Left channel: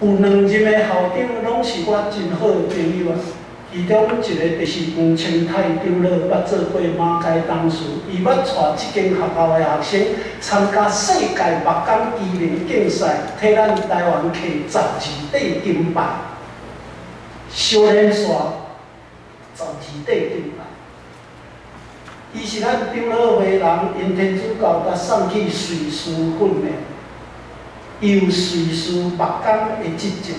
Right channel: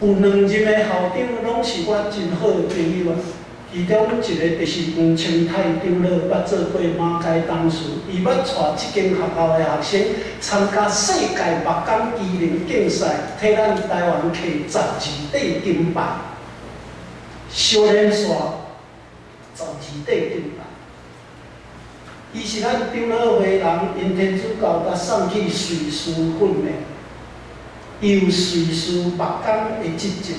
有2任的校长拢是我真好的朋友啊。其中一个就是黄清泰长老，捌做过马街董事，伊捌带即间学校的学生参加世界木工机能竞赛，替咱台湾摕12块金牌。少年线12块金牌。伊是咱长老会人，因天主教甲送去瑞士训练，伊有瑞士木工的执照，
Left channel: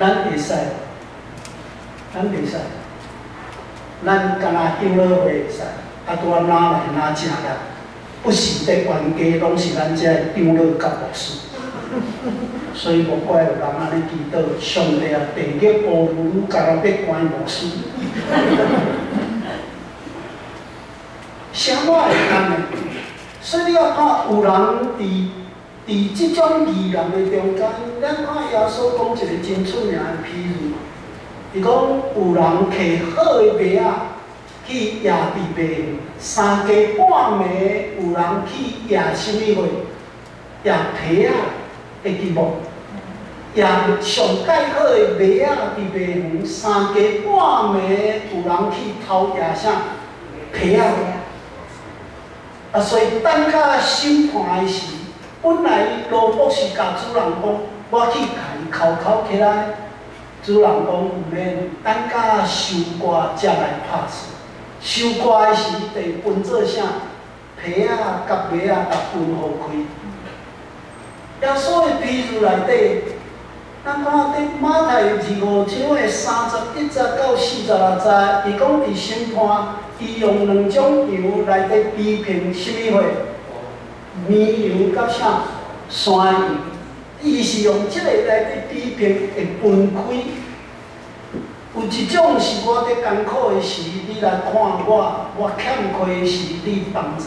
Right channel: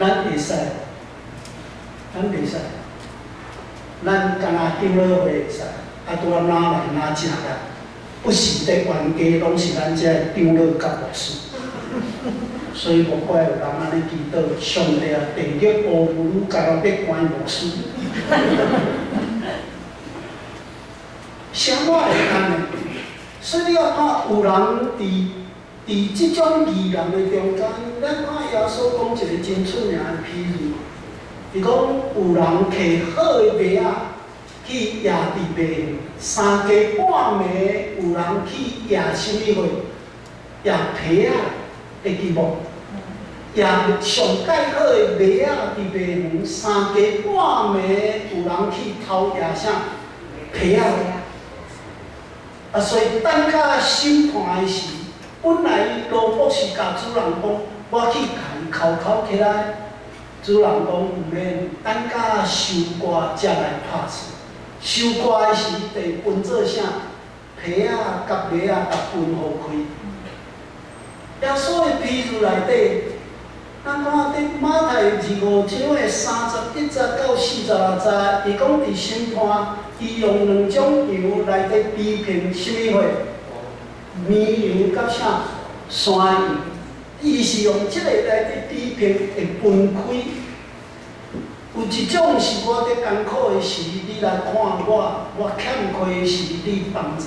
咱会使。咱袂使，咱干那长老会会使，啊，拄啊拿来拿正来，不是伫冤家，拢是咱遮长老甲牧师。所以无怪有人安尼祈祷，上帝啊，地狱乌牛甲我要关牧师。啥我会干呢？所以你要看有人伫即种异人的中间，咱看耶稣讲一个真出名的譬如。伊讲有人摕好的麦仔去野地卖，3更半暝有人去野什么货？野皮仔，会记无？野上介好的麦仔伫卖园，3更半暝有人去偷野啥？皮仔。啊，所以等到审判的时，本来罗博士甲主人讲，我去甲伊扣起来。主人讲毋免，等甲收割才来拍死。收割的时，得分做啥？皮仔甲麦仔，甲分互开。耶稣的譬如内底，咱看伫马太25章的31节到46节，伊讲伫审判，伊用2种羊内底比拼什么货？绵羊甲啥？山羊。伊是用即个来比拼会分开。有一种是我伫艰苦的时，你来看我欠亏的时，你帮助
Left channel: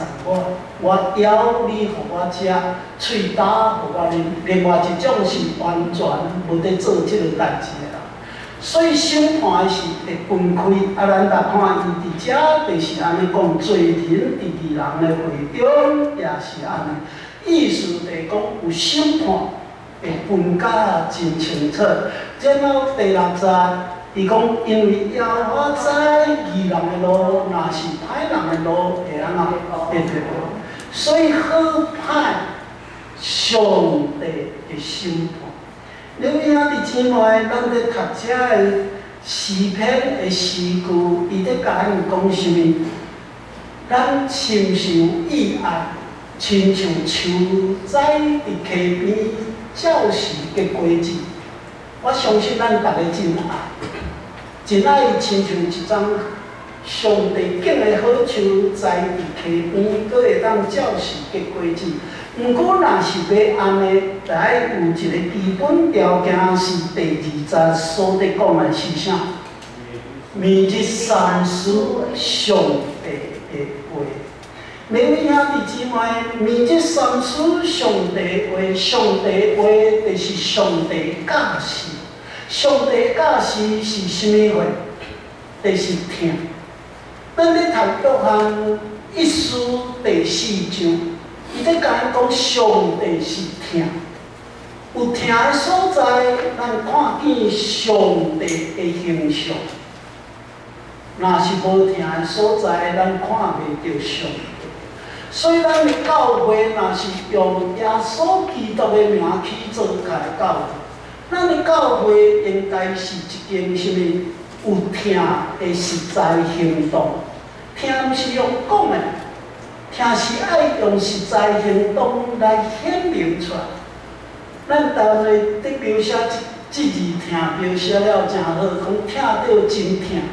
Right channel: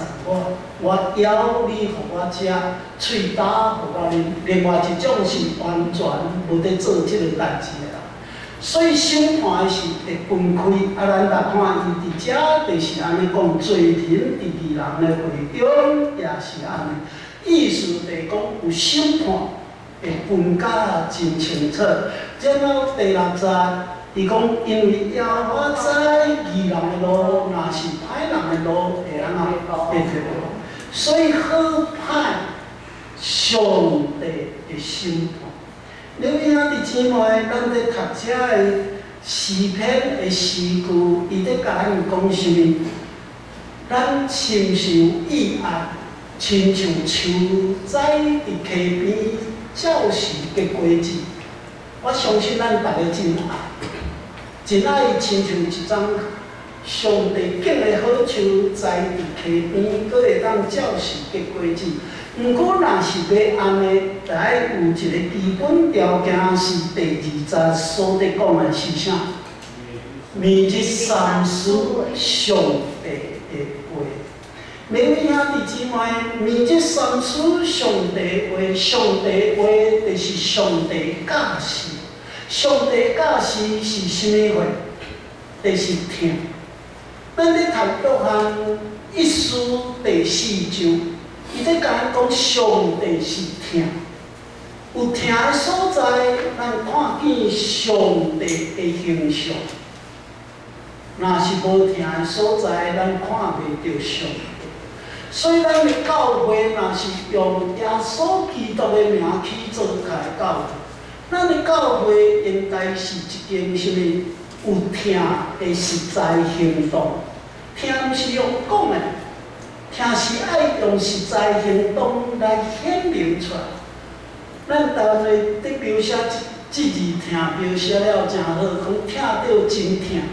我枵你互我食，喙焦互我啉。另外一种是完全无伫做即个代志的人。所以审判的时会分开。啊，咱来看伊伫遮就是安尼讲，罪人伫义人的会中也是安尼。意思就是讲有审判。会分甲真清楚，然后第6节，伊讲因为耶和华知义人的路，若是歹人的路会安怎会退步，所以好歹上帝的审判。恁兄弟姊妹，咱伫读遮的诗篇的诗句，伊伫甲咱讲啥物？咱深受意爱，亲像树栽伫溪边。照时结果子，我相信咱大家真爱，真爱亲像一张上帝种的好树，栽伫溪边，佫会当照时结果子。毋过，若是要安尼，就爱有一个基本条件，是第2节所伫讲的是啥？明日三思上帝的话。每位兄弟姊妹，明日三思上帝话，上帝话就是上帝教示。上帝教示是甚么话？就是听。咱咧读约翰1书第4章，伊咧甲咱讲上帝是听。有听的所在，咱看见上帝的形象；若是无听的所在，咱看袂到上帝。所以，咱的教会若是用耶稣基督的名去做开教会，咱的教会应该是一件什么？有听的实在行动。听毋是用讲的，听是爱用实在行动来显明出来。咱台湾的伫描写即字听，描写了真好，讲听到真听，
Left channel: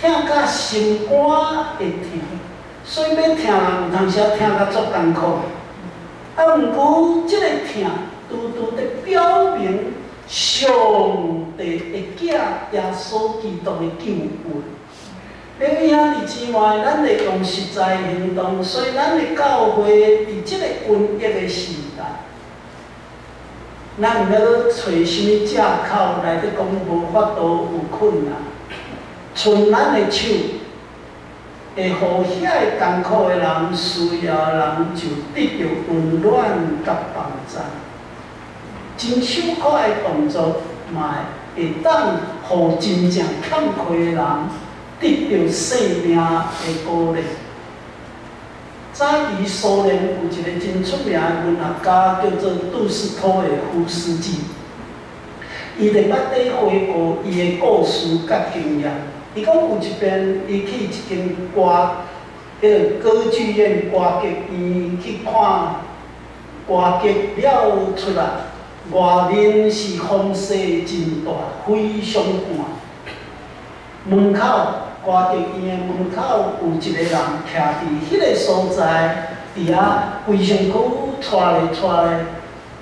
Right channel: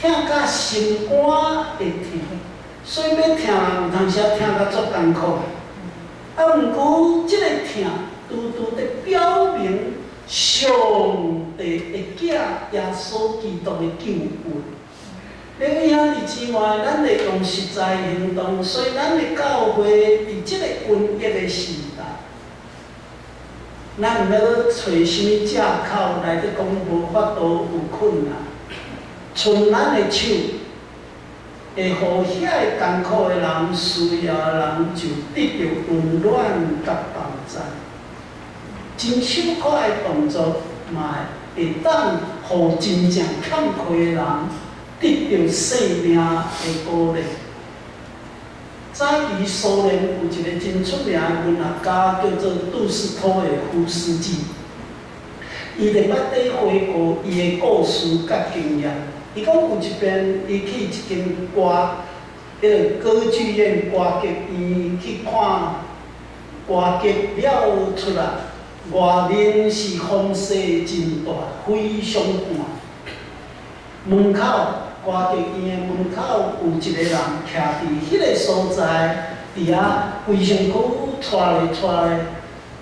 听甲心肝会听。所以要听人，有当时听甲足艰苦。啊，毋过即个听，拄拄伫表明上帝的囝耶稣基督的救恩。恁位兄弟姊妹，咱会用实在行动，所以咱的教会伫即个瘟疫的时代，咱毋要找什么借口来伫讲无法度有困难，剩咱的手。会互遐个艰苦的人、需要的人就得到温暖甲帮助。真手快的动作，嘛会当互真正欠亏的人得到生命的鼓励。早期苏联有一个真出名的文学家，叫做杜斯托耶夫斯基。伊伫捌底回顾伊的故事甲经验。伊讲有一遍，伊去一间歌剧院歌剧院去看歌剧了出来，外面是风势真大，非常寒。门口歌剧院的门口有一个人徛伫迄个所在，伫遐规身躯带咧带咧，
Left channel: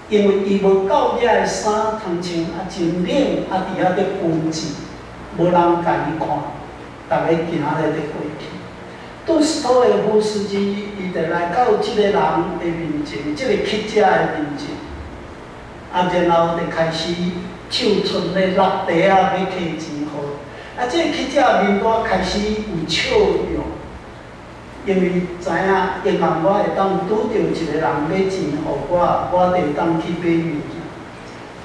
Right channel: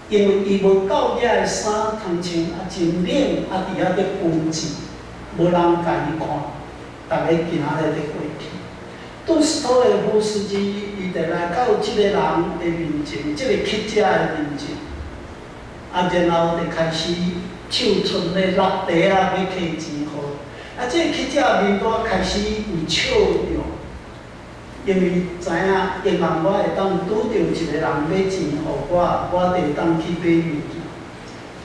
因为伊无够野的衫通穿，真冷，伫遐咧温习，无人甲伊看，逐个行咧咧过去。杜斯托耶夫斯基伊就来到即个人的面前，即个乞食的面前，然后就开始手伸咧落地要摕钱互。即个乞食面带开始有笑容，因为知影希望我会当拄着一个人要钱互我，我就会当去买物件。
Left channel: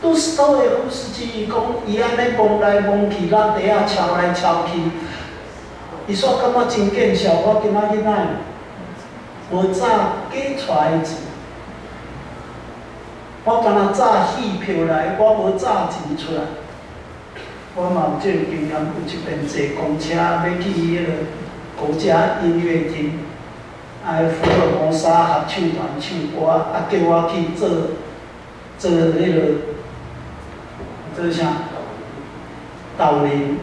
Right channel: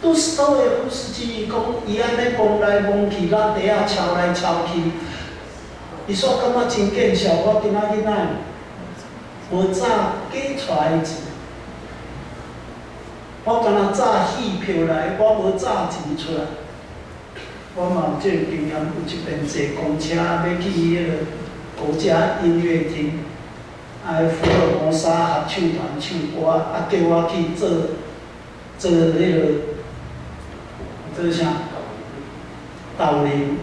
杜斯托耶夫斯基伊讲，伊安尼摸来摸去，落地敲来敲去。伊说感觉真见笑，我今仔日哪无早寄出来的钱，我敢若早戏票来，我无早钱出来。我嘛有即个经验，有一遍坐公车要去迄个国家音乐厅，福尔摩沙合唱团唱歌，叫我去做迄个做啥导聆。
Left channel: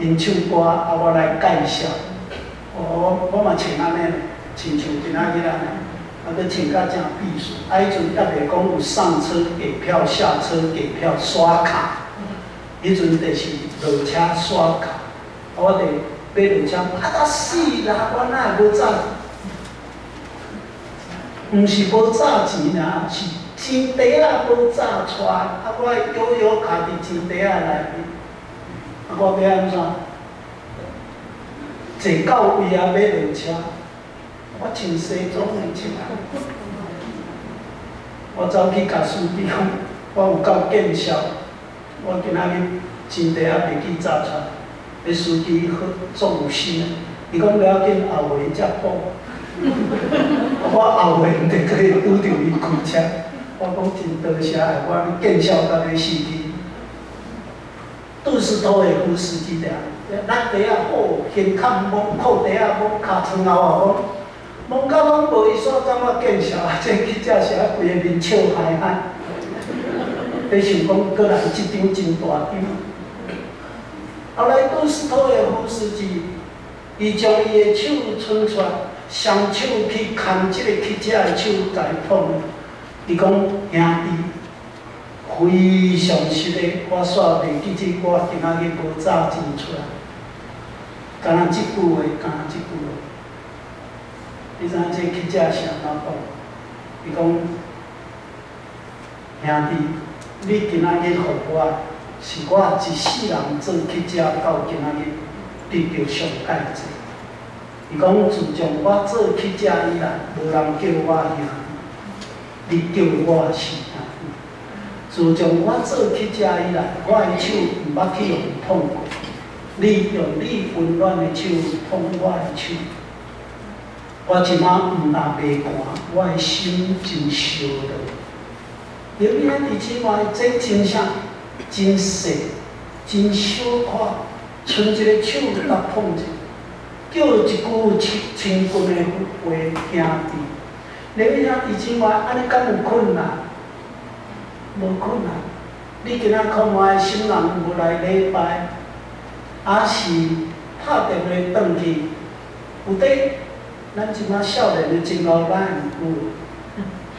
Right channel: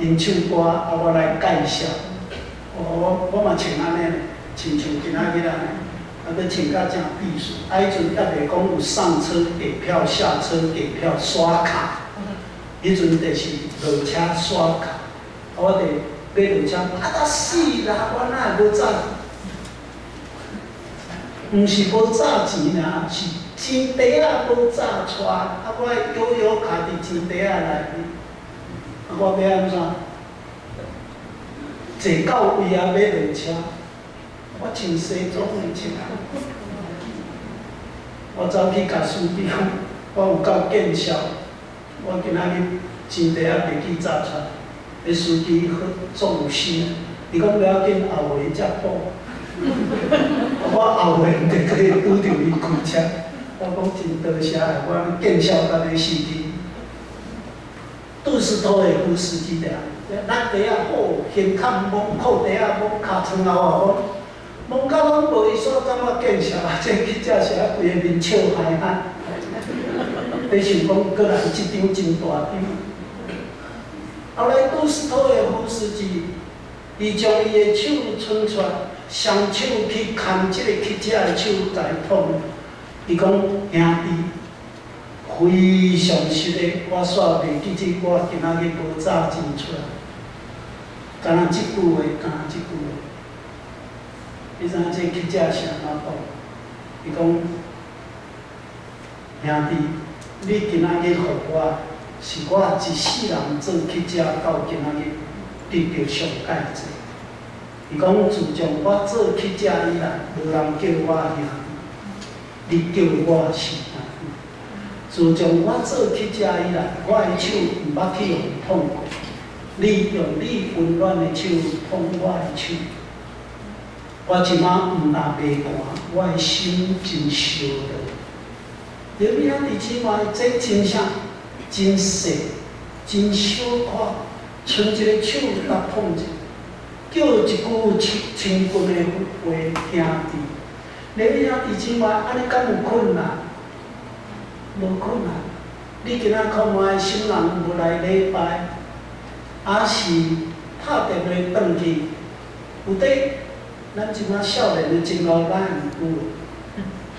因唱歌，我来介绍。我嘛穿安尼，穿像今仔日安尼，搁穿甲正避暑。迄阵还袂讲有上车给票、下车给票、刷卡。迄阵就是落车刷卡，我就要落车，啊死啦！我哪会无早？毋是无早钱啦，是钱袋仔无早出，我悠悠徛伫钱袋仔内面。我要安怎？坐到位啊，要落车，我穿西装的穿。我走去甲司机讲，我有够见笑，我今仔日钱袋仔袂记找出来。迄司机好足有心，伊讲不要紧，后回才补。我后回毋得可以拄着伊开车，我讲真多谢我见笑到要死去。杜斯托耶夫斯基的，咱地啊好，胸坎摸，裤底啊摸，骹床后啊摸，摸到拢无伊所感觉见笑，这去遮是啊规个面笑嗨嗨。你想讲过来一张真大张。后来杜斯托耶夫斯基，伊将伊的手伸出来，双手去牵即个乞食的手，甲伊捧。伊讲兄弟。非常实的，我煞袂记起我今仔日无早钱出来，敢若即句话，敢若即句话。你知影这乞食是安怎讲？伊讲兄弟，你今仔日互我，是我一世人做乞食到今仔日得到上介济。伊讲自从我做乞食以来，无人叫我兄弟，你叫我是。自从我做乞食以来，我的手毋捌去用碰过。你用你温暖的手碰我的手，我即摆毋但袂寒，我的心真烧热。刘明仔弟姊妹，这真啥？真细，真小可，伸一个手来碰者，叫一句亲近的话，兄弟。刘明仔弟姊妹，安尼敢有困难？无困难，你今仔看我的心人无来礼拜，还是拍电话转去，有底，咱即摆少年的真老咱有，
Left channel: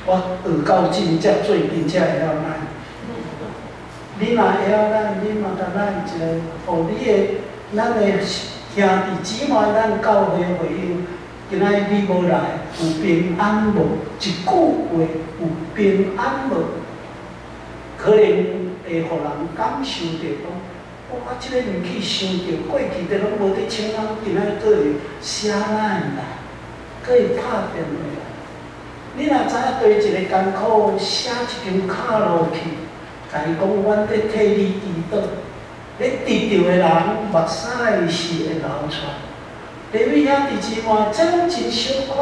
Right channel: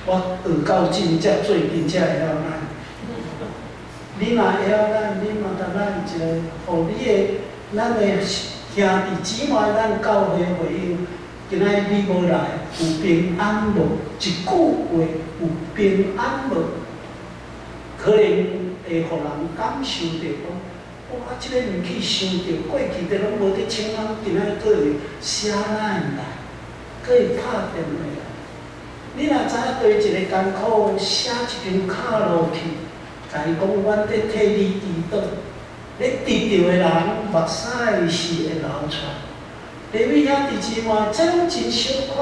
我学到真才最近才会晓咱。你若会晓咱，你嘛甲咱一个，互你的咱的兄弟姊妹，咱教会会友，今仔你无来，有平安无？一句话，有平安无？可能会互人感受到讲，哇，即个物件想到过去的拢无伫请咱，今仔佫会写咱来，佫会拍电话来。你若知影对一个艰苦，写一张卡落去，甲伊讲，阮伫替你祈祷。你得到的人，目屎是会流出。各位兄弟姊妹，这种真小可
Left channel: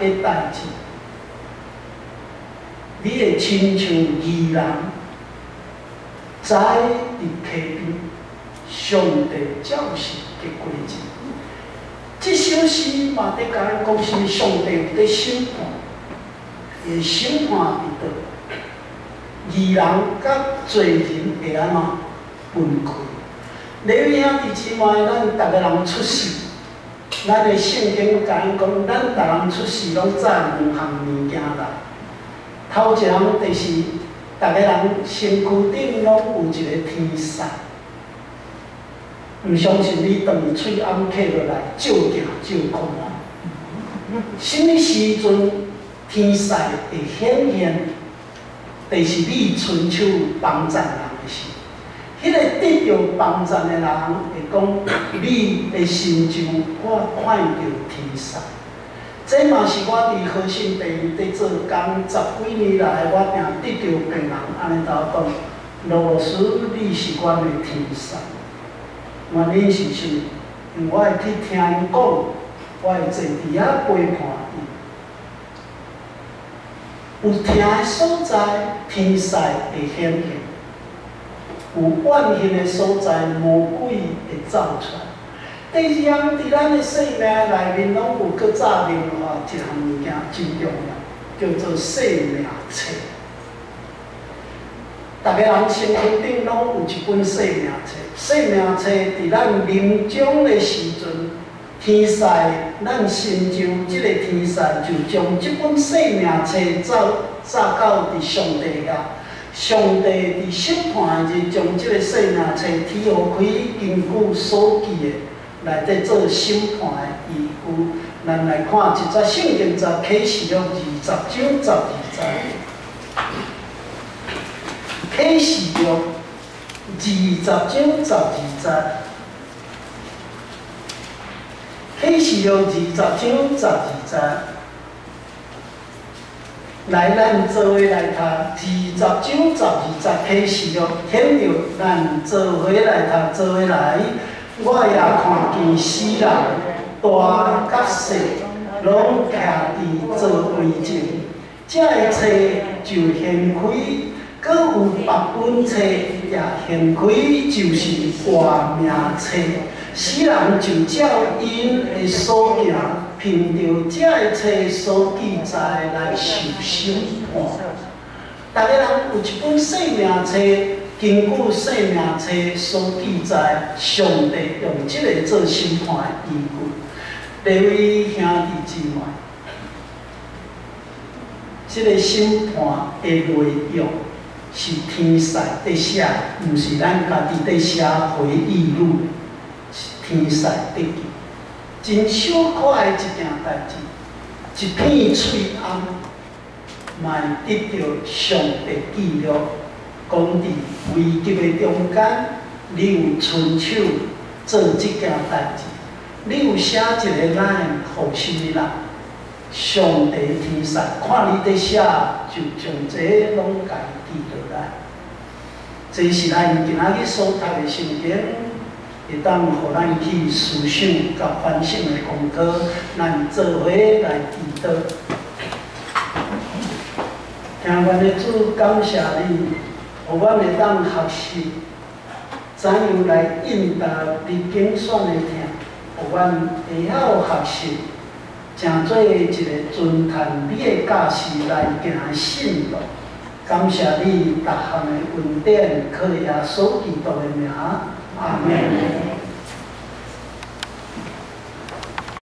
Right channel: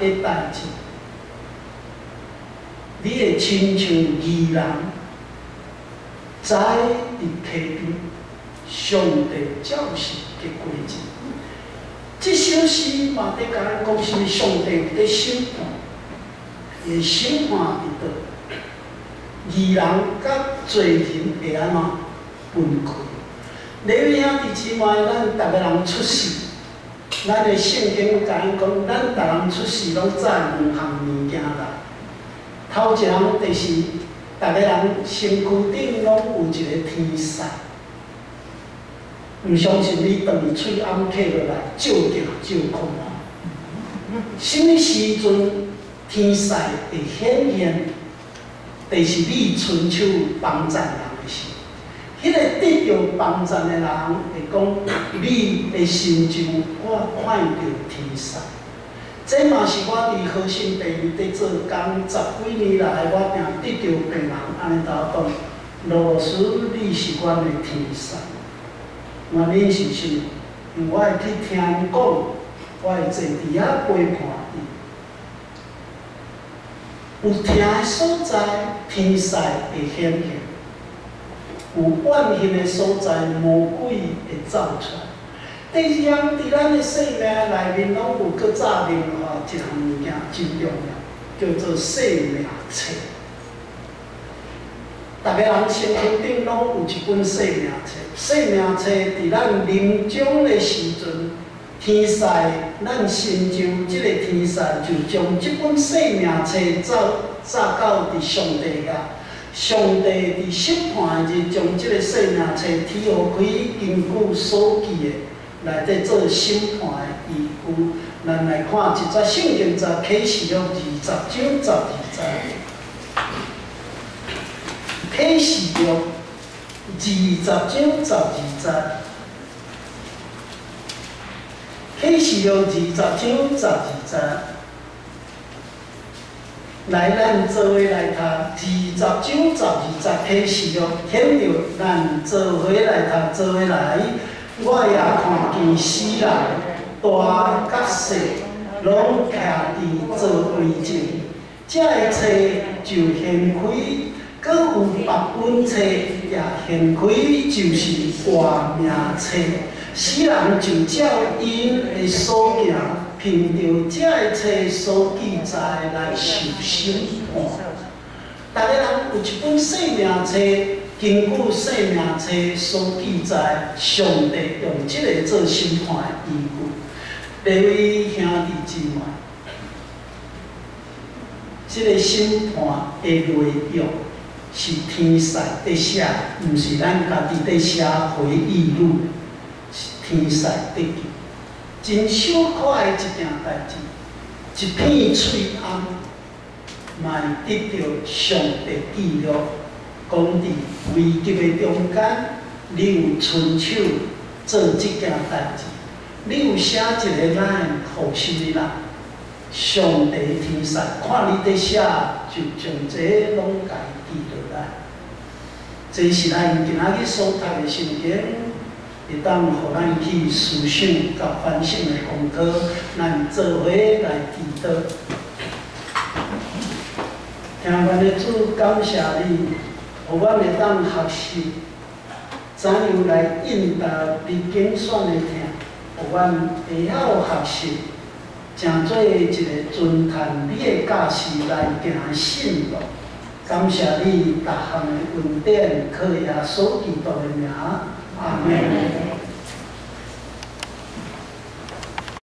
的代志，你会亲像义人，栽伫溪边，上帝照实结果子。这首诗嘛，伫甲咱讲是上帝伫审判，会审判伫倒。义人甲罪人会安怎分开？各位兄弟姊妹，咱逐个人出世，咱的圣经甲咱讲，咱逐人出世拢载两项物件来。头一项就是逐个人身躯顶拢有一个天使，毋相信你当伊喙暗刻落来，照行照看啊！什么时阵天使会显现？就是你伸手帮助人的时。迄个得到帮助的人会讲，你的心中我看到天使。这嘛是我伫好心地伫做工10几年来，我定得到病人安尼甲我讲，罗斯你是阮的天使。原因是啥？因为我会去听因讲，我会坐伫遐陪伴伊。有听的所在，天使会显现。有怨恨的所在，魔鬼会走出来。第二项，伫咱的生命内面，拢有搁早另外一项物件真重要，叫做生命册。逐个人身躯顶拢有一本生命册。生命册伫咱临终的时阵，天使，咱心中即个天使就将即本生命册早到伫上帝遐。上帝伫审判的日，将即个生命册提互开，根据所记的来底做审判的依据。咱来看一则圣经，在启示录20章12节。启示录20章12节。启示录20章12节。来，咱做伙来读20章12节启示录，显着咱做伙来读，做伙来。我也看见死人大甲细，拢徛伫座位前。这个册就掀开，搁有别本册也掀开，就是活命册。死人就照因的所行，凭着这个册所记载来受审判。逐个人有一本生命册，根据生命册所记载，上帝用这个做审判的依据。各位兄弟姊妹，这个审判的内容是天使在写，毋是咱家己在写回忆录。天使得救，真小可的一件代志，一片翠暗，嘛得到上帝记录，讲伫危急的中间，你有伸手做这件代志，你有写一个咱互什么人？上帝天使看你在写，就将这拢家记落来。这是咱今仔日所读的圣经。会当互咱去思想甲反省的功课，咱做伙来祈祷。听阮的主感谢你，互阮会当学习怎样来应答你拣选的听，互阮会晓学习，诚做一个遵探你的教示来行信路。感谢你，逐项的恩典，靠耶稣基督的名。阿门。